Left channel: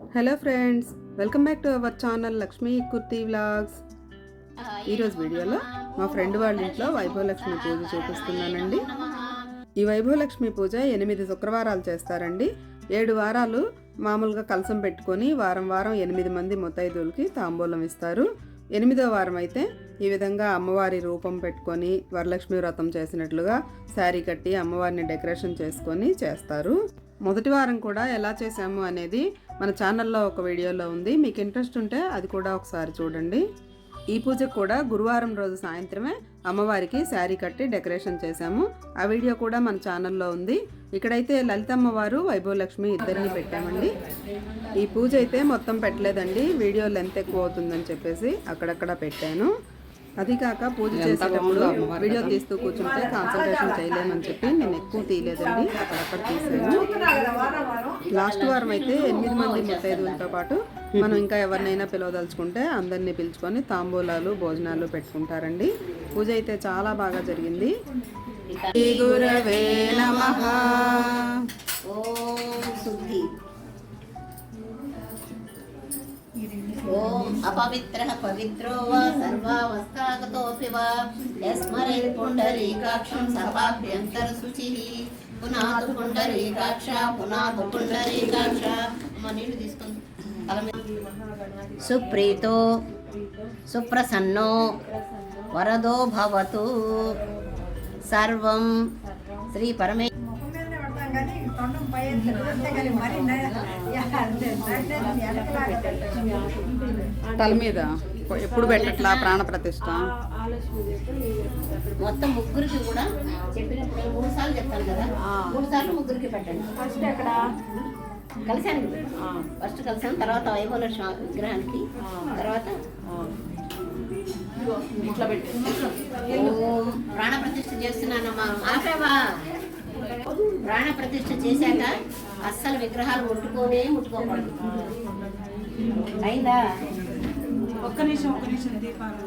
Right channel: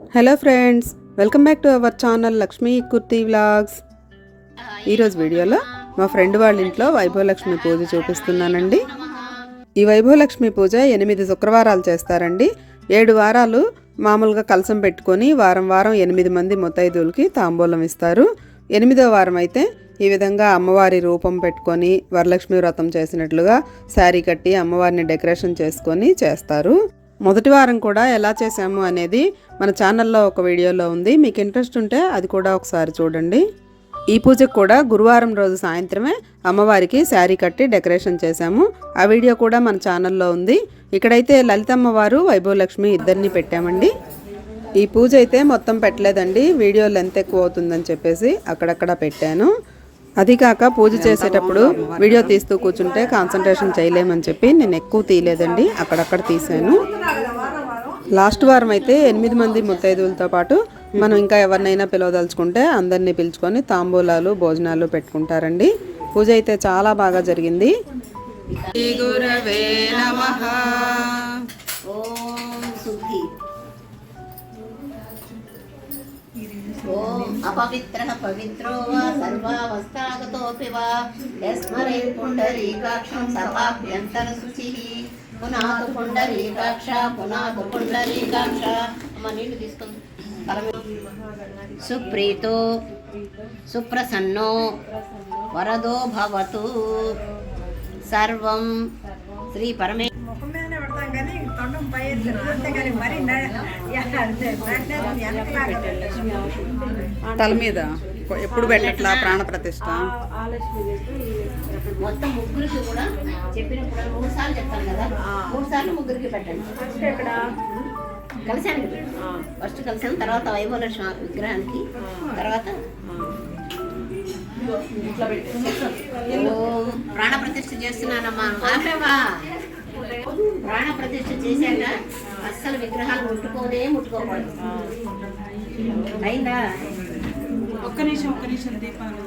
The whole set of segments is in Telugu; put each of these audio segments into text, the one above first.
Hello friends welcome back to our channel Lakshmi Kurti vlogs ఈరోజు వీడియోలో మా ఫ్రెండ్ వాళ్ళ ఇంట్లో వైభవలక్ష్మి పూజ చూపిస్తున్నానండి. ఈ వైభవలక్ష్మి పూజ ఎనిమిది శుక్రవారాలు చేస్తారండి. ఏడు వారాలు మామూలుగా కలసం పెట్టుకొని వారం వారం ఎనిమిది మంది ముత్తైదువులకి తాంబూలం ఇస్తారు. ఎనిమిదో వారం అయితే ఈ విధంగా అమ్మవారి రూపం పెట్టుకొని వరలక్ష్మి వ్రతం చేసినట్లుగా శారీ కట్టి అమ్మవారిని డెకరేషన్ చేసుకొని చేస్తారు. మొదటి వారం కూడా ఎలా చేసాము అనేది మన ఛానల్లో ఒక వీడియోలో ఉంది. మీకు ఇంట్రెస్ట్ ఉంటే అది కూడా ఒకసారి చూడండి. ఈ పూజకు కూడా గురువారం రోజు సాయంత్రమే అమ్మవారికి శారీ కట్టి డెకరేషన్ చేశాము. ఆ వీడియో కూడా మన ఛానల్లో ఉంది. ఇక్కడైతే లలితమ్మవారు వైభవలక్ష్మి ఇద్దరిని పెట్టామండి. ఈ పూజ అయితే మొత్తం పెట్టలేదండి. వీడియో లెంత్ ఎక్కువ అవుతుందని చెప్పేసి అక్కడక్కడ పెట్టాను. అది కాక పూజ చేసేటప్పుడు వీడియో తీస్తూ కూర్చుంటే కాన్సన్ట్రేషన్ చేయలేమని చెప్పి నేను ఎక్కువ తీయలేదండి. అక్కడక్కడ తీసాను లాస్ట్ వారం అయితే ఎనిమిది మంది ముత్తైదువులతో పాటు మనం ఇంకా ఎవరినైనా పిలవదలుచుకుంటే అందరినీ పిలుచుకొని తాంబూలాలు భోజనాలు పెట్టుకుంటారండి. పూజ అయితే చాలా బాగా జరిగింది. గురవే నమః. పవిత్రో వా సర్వావస్థాగతోపి వా యస్మరే పుండరీకాక్షం సర్వాభ్యంతర శుచిః పునాతు పుండరీకాక్ష పునాతు పుండరీకాక్ష అమ్మ నీళ్ళు తీసుకుంది సుప్రీతో సుప్రసన్నో వరదో భవతు సర్వం శ్రీ పరమే తల మీద? ఎప్పుడు పెట్టట్లా ప్రాణ ప్రతిష్ట మొత్తం ముగ్గురికి కూడా చెప్పినప్పుడు మూడు సార్లు చెప్పాను కదా? మూడు సార్లు ముగ్గురికి పెట్టండి. కలిసాను కదా? ఫస్ట్ కలిసాను తర్వాత వైభవలక్ష్మి విగ్రహానికి తర్వాత ప్రాణ ప్రతిష్ఠ చేస్తున్నానమ్మా. ప్రాణ ప్రతిష్ఠ చేశాక అస్సలు విగ్రహాలు ముట్టుకోనే ముట్టుకోకూడదు. అయిందా? ఒక్క నిమిషం ఒక్క నిమిషం దీపాలు.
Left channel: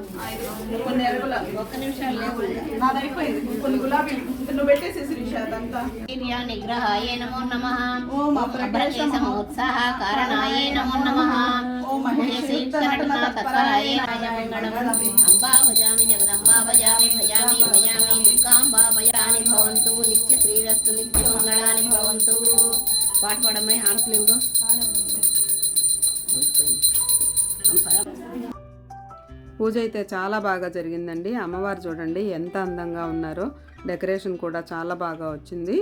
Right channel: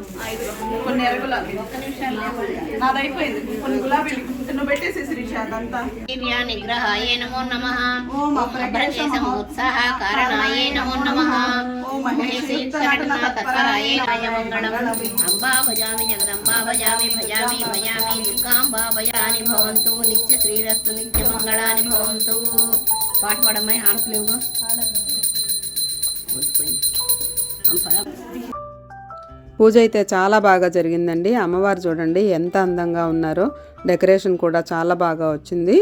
కొన్ని ఎరగులాబీ ఒక్క లేకుండా నాది అయిపోయింది. కొన్ని గులాబీలు నువ్వు పెట్టేసేసి దివ్యా నిగ్రహాయ నమో నమః. ఓం ఉత్సాహ కారణాయ నమో నమః ఓం మంగళం అంబా భజామి జగదంబా భజామి భజామి భజామి దుర్గాంబా భజాని భవంతు. నిత్య శ్రీరస్తు నిత్య మంగళాని భవంతు. పాట పాడమ్మాయి ఆడపలేవుగా పూజ అయితే చాలా బాగా జరిగిందండి. అమ్మవారు చూడండి ఎంత అందంగా ఉన్నారో. డెకరేషన్ కూడా చాలా బాగా వచ్చింది.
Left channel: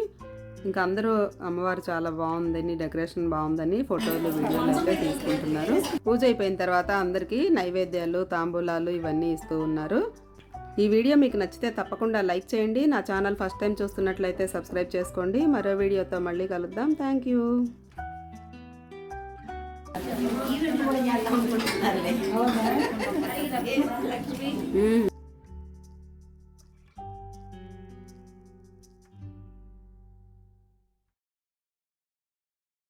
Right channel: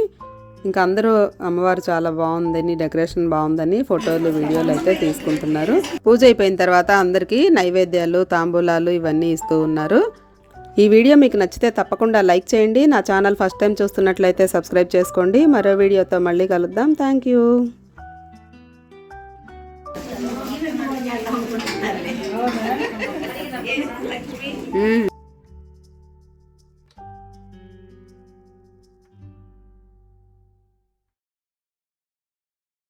ఇంకా అందరూ అమ్మవారు చాలా బాగుందని డెకరేషన్ బాగుందని ఫోటోలు వీడియోలు అయితే తీసుకుంటున్నారు. పూజ అయిపోయిన తర్వాత అందరికీ నైవేద్యాలు తాంబూలాలు ఇవన్నీ ఇస్తూ ఉన్నారు. ఈ వీడియో మీకు నచ్చితే తప్పకుండా లైక్ చేయండి. నా ఛానల్ ఫస్ట్ టైం చూస్తున్నట్లయితే సబ్స్క్రైబ్ చేసుకోండి. మరో వీడియోతో మళ్ళీ కలుద్దాం. Thank you.